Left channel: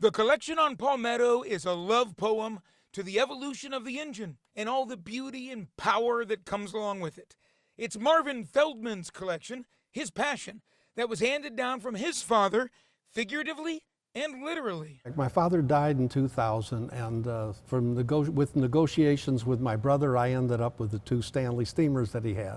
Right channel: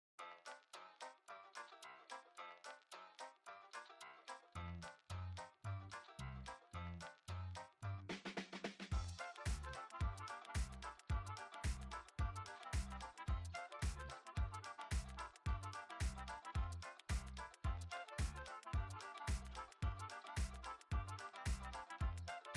The collection on Palmetto is a love poem to the evolution of the engine and all the beauty and power that comes along with it. It's Marvin Feldman's collection, his passion, that was handed down from his father, figuratively and literally. My father died in 2000, and with negotiations with my brother, I ended up with the 2 Stanley steamers that he had.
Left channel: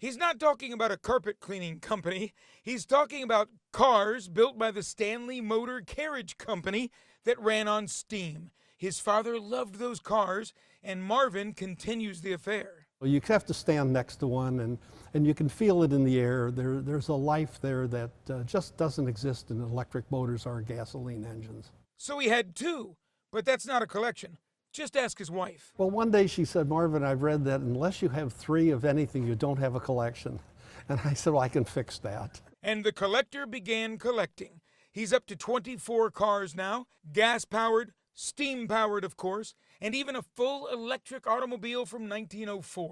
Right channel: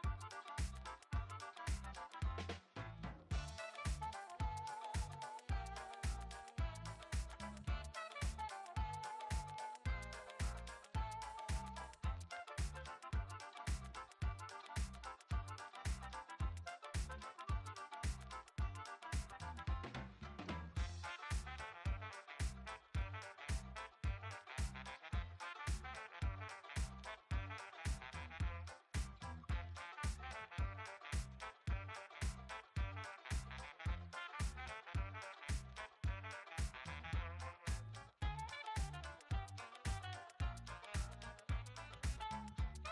He's not talking about a carpet cleaning company. He's talking about cars built by the Stanley Motor Carriage Company that ran on steam. His father loved those cars, and Marvin continues the affair. You have to stand next to one, and you can feel it in the air. There's a life there that just doesn't exist in electric motors or gasoline engines. So he had 2, but that's not a collection. Just ask his wife. Well, one day she said, "Marvin, I've read that unless you have 3 of anything, you don't have a collection." And I said, "Well, I can fix that." And the collector began collecting. He's up to 24 cars now, gas-powered, steam-powered, of course, and even a full electric automobile from 1904.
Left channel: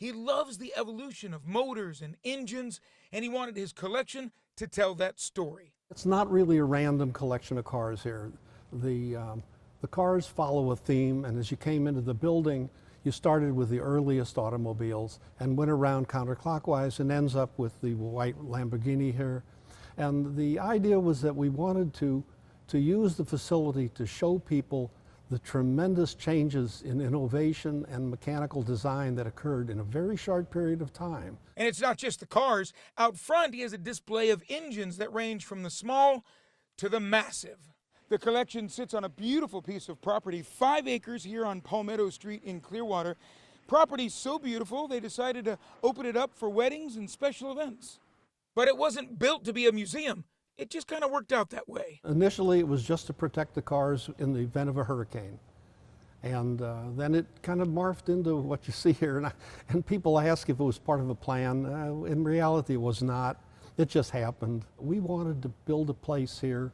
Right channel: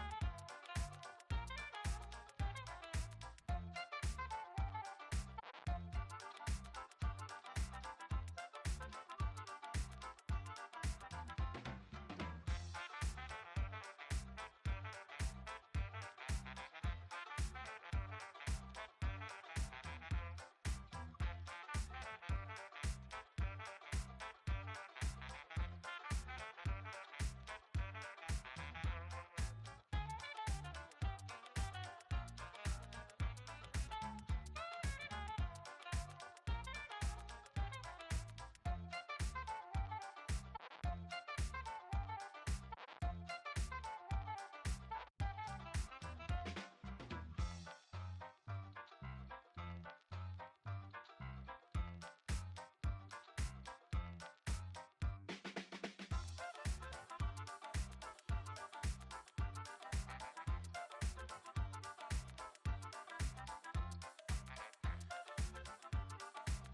He loves the evolution of motors and engines, and he wanted his collection to tell that story. It's not really a random collection of cars here. The cars follow a theme, and as you came into the building, you started with the earliest automobiles and went around counterclockwise and ends up with the white Lamborghini here. And the idea was that we wanted to use the facility to show people the tremendous changes in innovation and mechanical design that occurred in a very short period of time. And it's not just the cars. Out front, he has a display of engines that range from the small to the massive. The collection sits on a beautiful piece of property, 5 acres here on Palmetto Street in Clearwater. Property's so beautiful, they decided to open it up for weddings and special events. But it wasn't built to be a museum. It just kind of worked out that way. Initially, it was just to protect the cars in the event of a hurricane. And then it kind of morphed into what you see here. And people ask if it was part of a plan. In reality, it was not. It just happened. We wanted to build a place here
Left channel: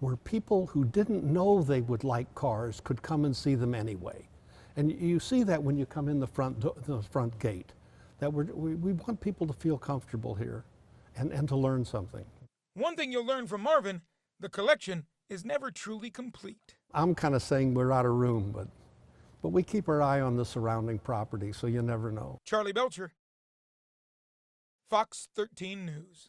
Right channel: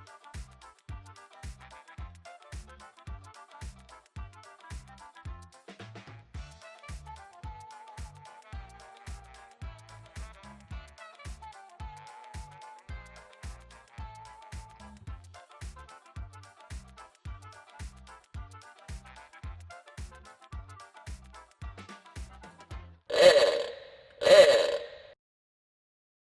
where people who didn't know they would like cars could come and see them anyway. And you see that when you come in the front gate, that we want people to feel comfortable here and to learn something. One thing you'll learn from Marvin, the collection is never truly complete. I'm kind of saying we're out of room, but we keep our eye on the surrounding property, so you never know. Charlie Belcher, Fox 13 News.